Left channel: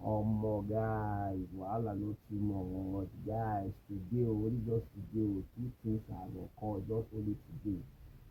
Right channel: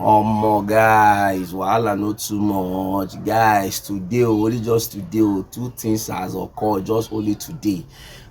Guys, wahala not too much. Guys, today, only just today, two things has occurred just only today.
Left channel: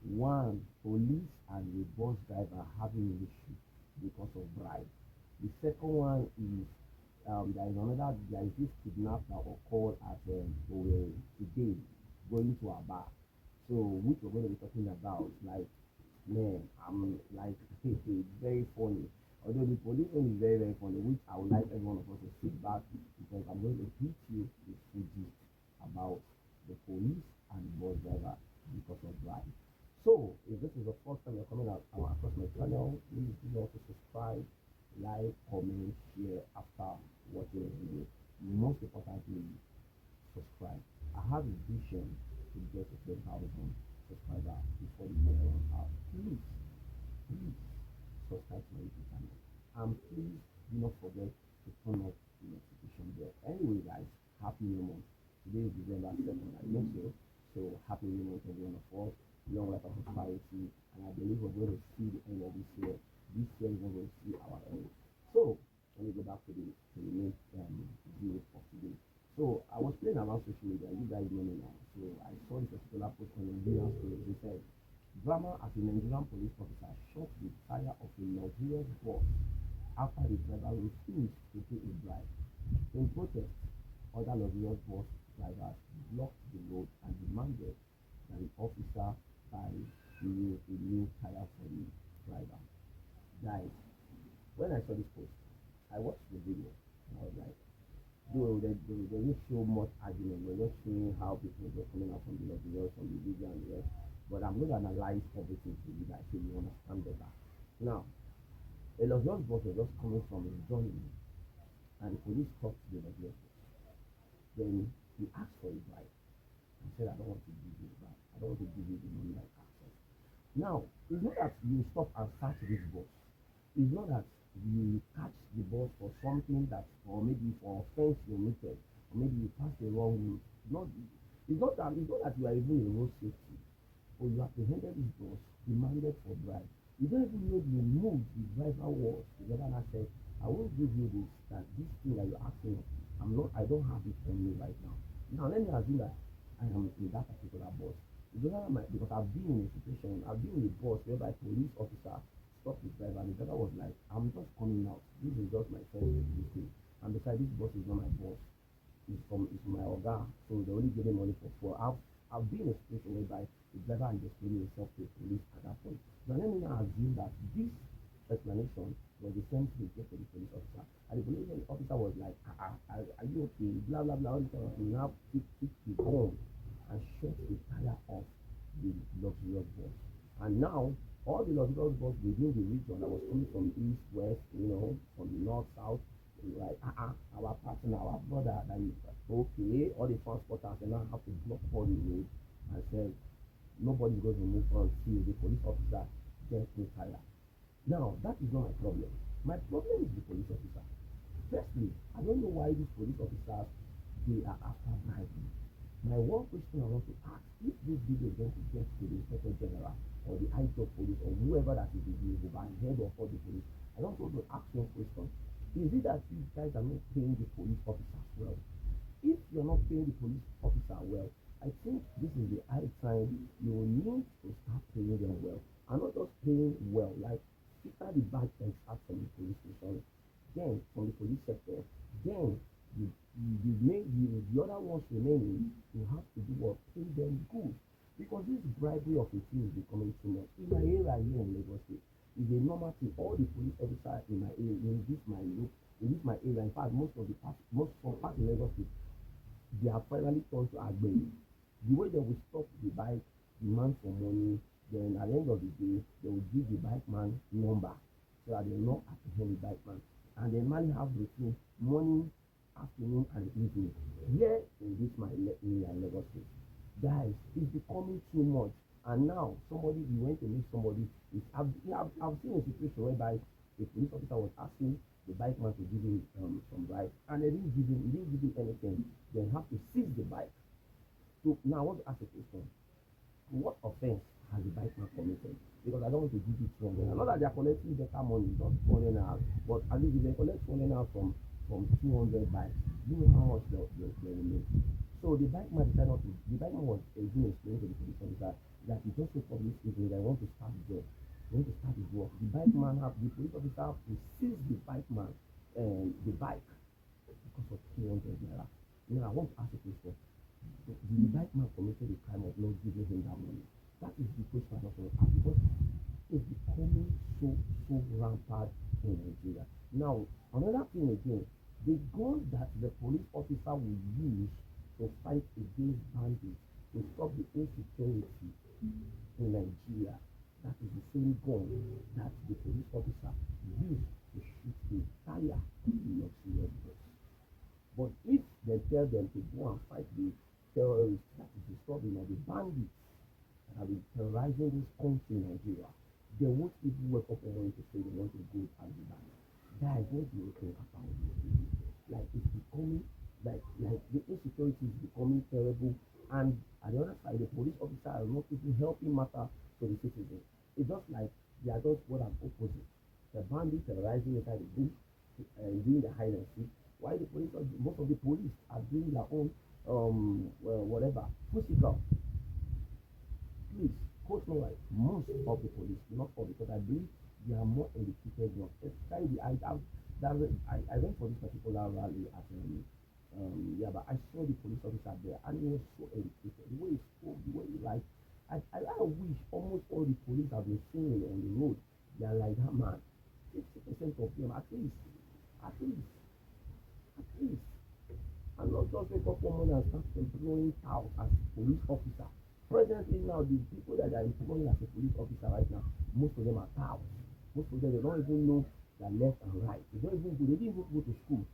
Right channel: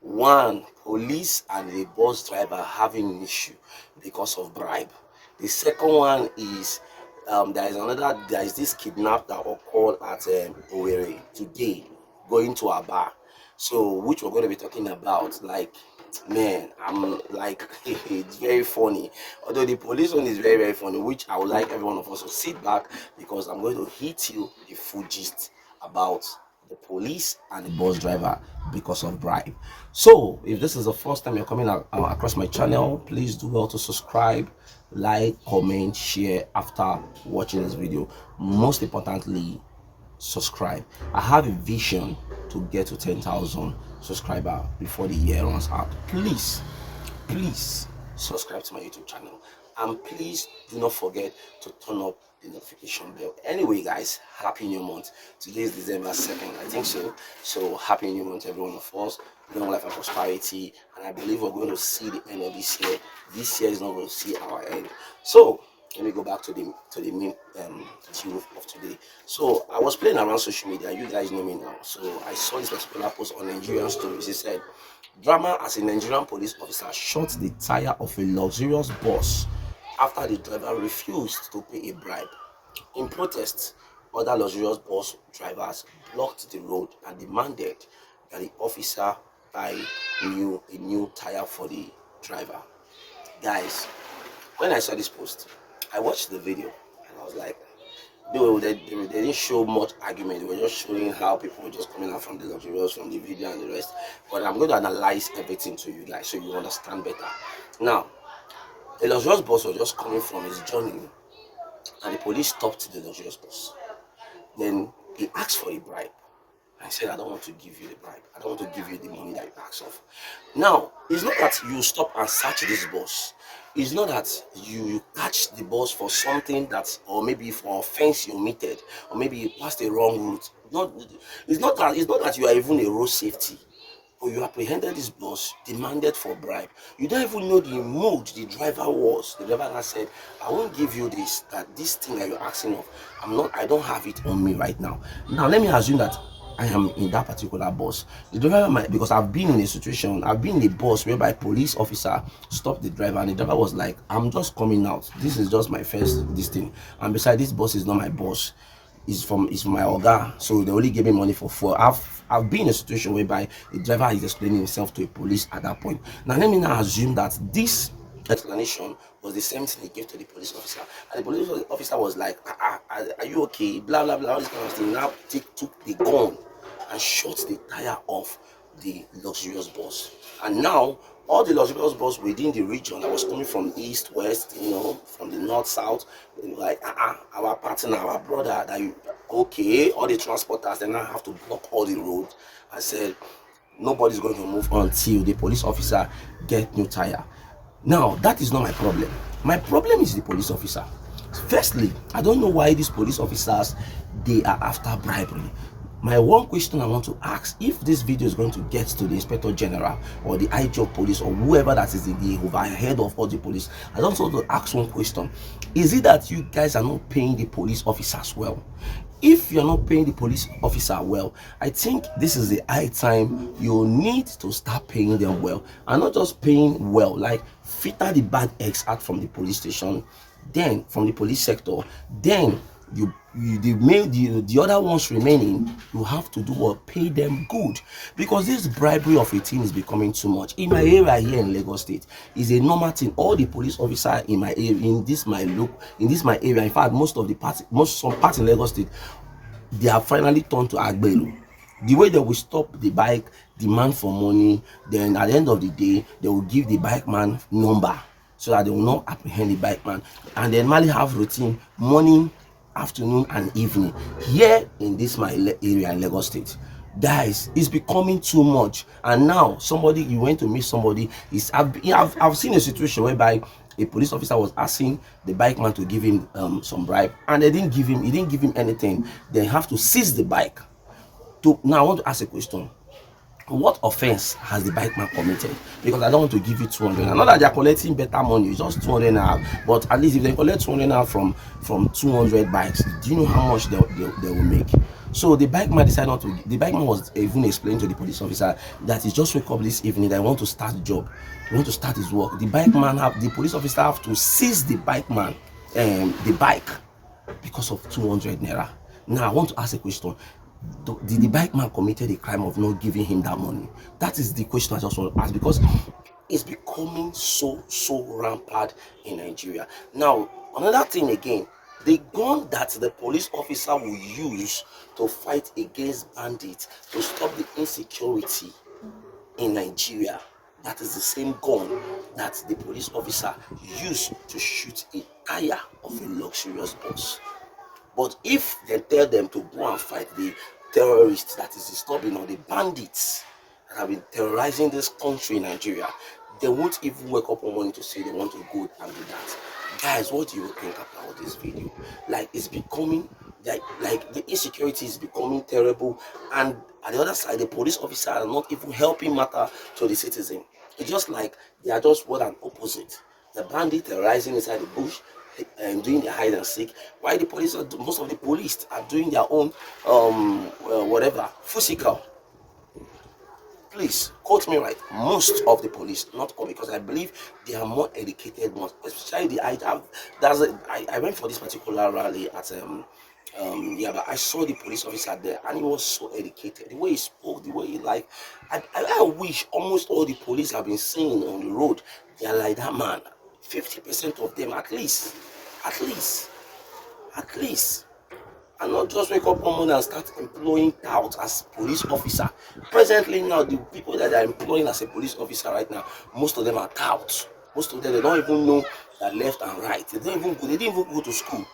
One, police and a bus driver having an issue because of bribe. The second one is there is this kidnap that occurred at Owerri today, going to a bar. So which we're going to be talking about, like, man, I'm like, it's very funny. Although the police one is very, very funny, which I would like every one of us to sit back, because I'm going to hit you the full gist about the police and the bus driver because of bribe. So if this is the first time you're coming across my channel, please do well to subscribe, like, comment, share after watching this video. Most importantly, subscribe. I have a vision to get to 10,000 subscribers before the year runs out. Please subscribe to my YouTube channel, and please do not forget to turn up the notification bell. Anyway, guys, happy new month. Today is December 2nd, I think so happy new month, every one of us. Long life and prosperity, and I believe we're going to see the end of this year. This year is not going to see our end. So let me go back to the main deal of today. So I was playing around social media. You guys know me now. So I saw this particular post on Nigerian stories. He said, drama as a Nigerian police officer shot the tire of a luxurious bus after the driver refused to pay a bribe. In protest, other luxurious bus drivers blocked the road and demanded that the officer buy a new tire for the driver. Guys, when I saw this post, I watched the video and I was like, they didn't show much argument. They were just showing how people were just coming out from the luxurious, from the video and the rest. But I'm going to analyze everything to you guys so you understand better. Now, the luxurious bus was just coming from his journey, and the police stopped the luxurious bus. Then he asked for a bribe. I said, I don't want to give you the bribe. I don't want to give you the money that you asked of. Now, it's not that you stop and search this bus. It's not that you catch the bus for something that, or maybe for offense you omitted, or maybe you passed the wrong route. It's not that you are even a road safety, but you apprehended this bus, demanded for bribe. You don't even know the mood the driver was. The driver that said, I won't give you this thing that you're asking of. I don't have it on me right now. Now let me assume that I am in that particular bus. The driver might, because I've been in a situation, I've been in a bus whereby a police officer stopped the driver, and the driver was like, I'm just coming out. This is just my first this thing. And besides, this bus is not my boss. It's from my orga. So they only gave me money for fuel. I've been in a situation whereby the driver is explaining himself to a police at that point. Now let me now assume that this explanation was the same thing he gave to the police officer, and the police officer was like, are you okay, blah blah blah, all this kind of thing. Now took the gun and shot the tire off the luxurious bus. And now all the luxurious bus within the region that was coming from east, west, from the north, south, like our partner, our brother, that you okay, all the transporters, they now have to block all the road. I said, nobody's going to move until the police officer get new tire. Now, that is not my problem. My problem is the police officer. Firstly, I don't know why these police officers, they are after bribery. My one question I want to ask, if this video is going to get to the Inspector General or the IG of police or whoever that is in the overhead of all the police, I don't want to ask one question. Is it that you guys are not paying the police officers well? If you're not paying the police officer well, I think this is the high time you need to start paying them well, and not just paying well, like filter the bad eggs out from the police station, then from the police sector, then the other ones remaining, you have to do what, pay them good, because this bribery of a thing is becoming too much. In my area here in Lagos State, is a normal thing. All the police officers in my area, in this my area, in fact, some parts in Lagos State, they have finally turned to agbero. The way they will stop the bike, demand for money, then at the end of the day, they will give the bike man number so that they will not apprehend the bike man, and then normally have routine morning, afternoon and evening here in this my area in Lagos State. Guys, it's becoming too much. And now you went to meet somebody, I've seen a situation whereby a police officer was asking the bike man to give him some bribe, and he didn't give him anything. They have to seize the bike. Now I want to ask a question. what offense has the bike man committed? Because I don't want to give you 200. Not that they are collecting better money, it's just 200 now. But at least if they collect 200 now from 200 bikes, do you know how much they will make? So the bike man decided not to. The bike man was even explaining to the police officer that he just wake up this evening, that I want to start the job, he want to start his work. The police officer have to seize the bike man, the bike, because of 200 naira. Now I want to ask a question. Did the bike man committed a crime of not giving him that money? That is the question I just want to ask, because it's becoming so rampant in Nigeria. Now, another thing again, the gun that the police officer will use to fight against bandits, to stop the insecurity in Nigeria, that is the same gun that the police officer used to shoot a tire of a luxurious bus. But if they tell them to go and fight the terrorists that is disturbing, or the bandits that have been terrorizing this country, Nigeria, they won't even wake up one morning to say they want to go and do that. Guys, what do you think about this video? Like, it's becoming like the insecurity is becoming terrible, and at the other side, the police officers are not even helping matter to the citizen. It's just like they are just what an opposite. The bandit terrorizing inside the bush and doing their hide and seek, while the police most of the police are doing their own whatever physical. Please quote me right. Most of the police, not all, because I believe they are more educated ones. Especially I went for this particular rally at yeah, but I saw the police officer there, and he was so educated. The way he spoke, the way he I wish almost all the police have been seeing on the road, they are like that man. 50% of them, at least, and not just wake up one morning and start employing touts as police officer. Presently now, the people that are employing as a police officer right now, most of them are touts. Most of them, they don't even know that left and right. They didn't even go to school.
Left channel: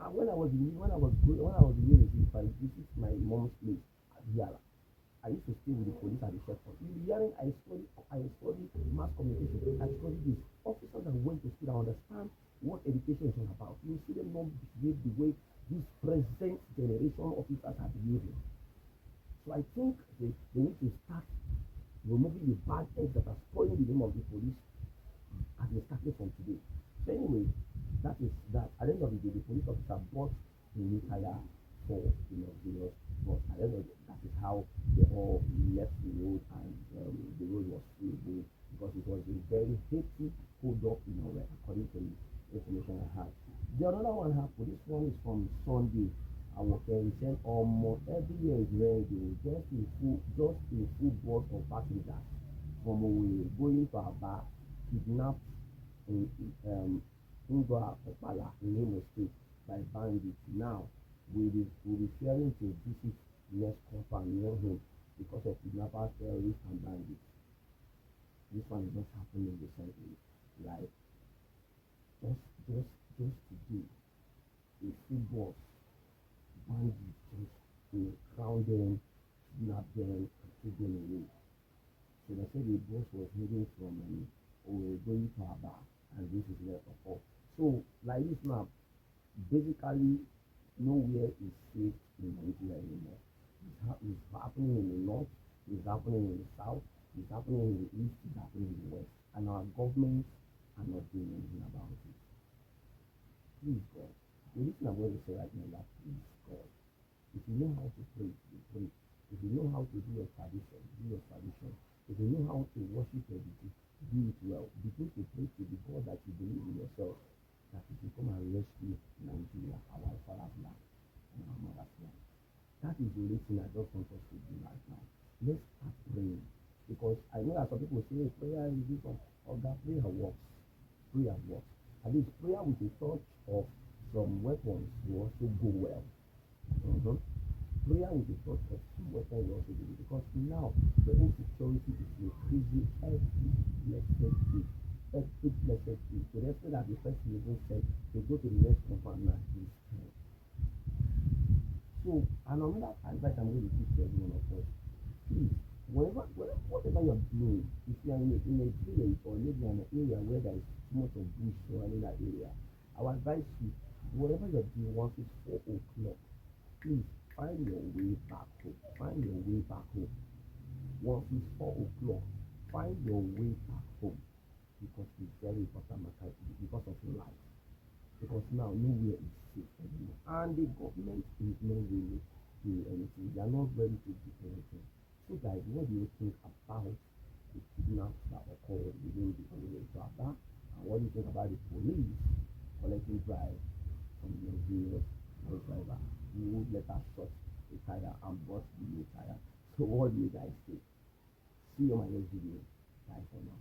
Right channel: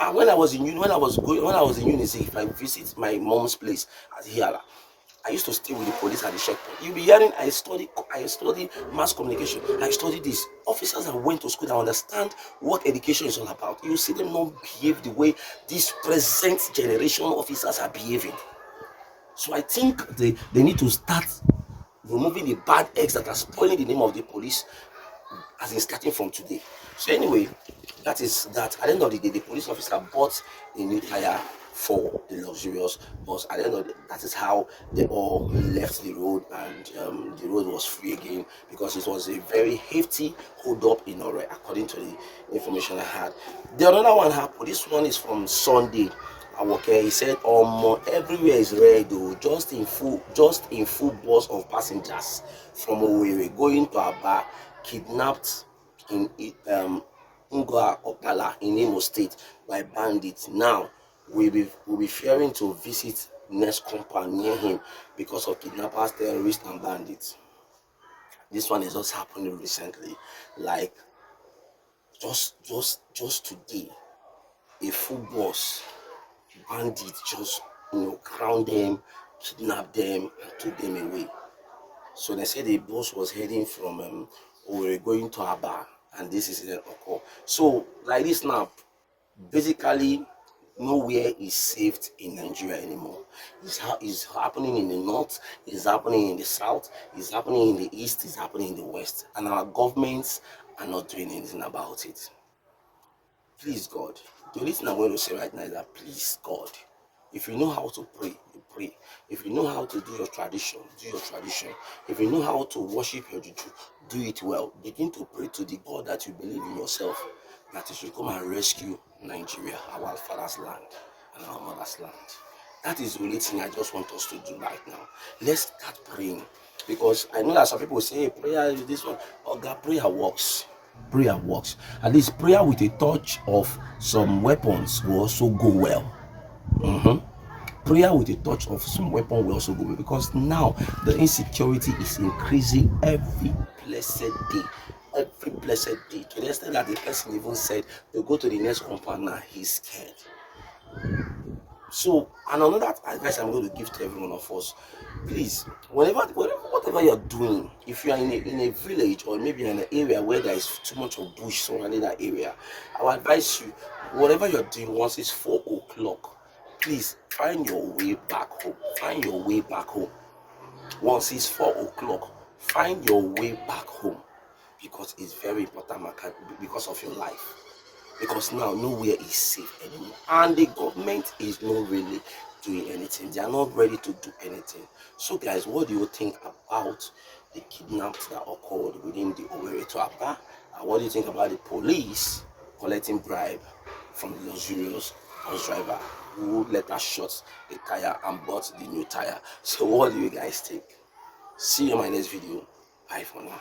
And when I was in university, if I visit my mom's place at Hiala, I used to stay with the police at the checkpoint. You'll be hearing, I study mass communication. I study this. Officers that went to school that understand what education is all about. You see them not behave the way these present generation officers are behaving. So I think they need to start removing the bad eggs that are spoiling the name of the police, as in starting from today. So anyway, that is that. At the end of the day, the police officer bought a new tire for the luxurious bus. At the end of the day, that is how they all left the road, and the road was free again, because it was a very hefty hold up in Owerri, according to the information I had. The another one happened. This one is from Sunday. Okay, he said, everywhere is red though, just in full bus of passengers from Owerri going to Aba, kidnapped in Ngor Okpala in Imo State by bandits. Now we'll be fearing to visit next compound near him because of kidnappers, terrorists, and bandits. This one is just happening recently, like just today. A full bus, bandits just crown them, kidnap them, and took them away. So they said the bus was heading from Owerri going to Aba, and this is the occur. So like this now, basically nowhere is safe in Nigeria anymore. It's happening in the north, it's happening in the south, it's happening in the east, it's happening in the west, and our governments are not doing anything about it. Please God, the only thing I'm going to say right now is that please God, if you know how to pray, you pray. If you know how to do your tradition, do your tradition. If you know how to worship your juju, do it well. Begin to pray to the God that you believe in yourself, that He should come and rescue Nigeria, our father's land and our mother's land. That is the only thing I just want us to do right now. Let's start praying, because I know that some people say, hey, prayer is this one. Oh God, prayer works. Prayer works. At least prayer with a touch of some weapons will also go well. Prayer with a touch of some weapon will also go well, because now the insecurity is increasing every blessed day. Every blessed day, to the extent that the person even said to go to the next compound now, he's scared. So, and another advice I'm going to give to every one of us, please, whatever you're doing, if you are in a village, or maybe in an area where there is too much of bush surrounding that area, I would advise you, whatever you're doing, once it's 4 o'clock, please find your way back home. Once it's 4 o'clock, find your way back home, because it's very important because of your life. Because now nowhere is safe anymore, and the government is not really doing anything. They are not ready to do anything. So guys, what do you think about the kidnaps that occurred within the Owerri to Aba? And what do you think about the police collecting bribe from the luxurious bus driver who later shot a tire and bought the new tire? So what do you guys think? See you in my next video. Bye for now.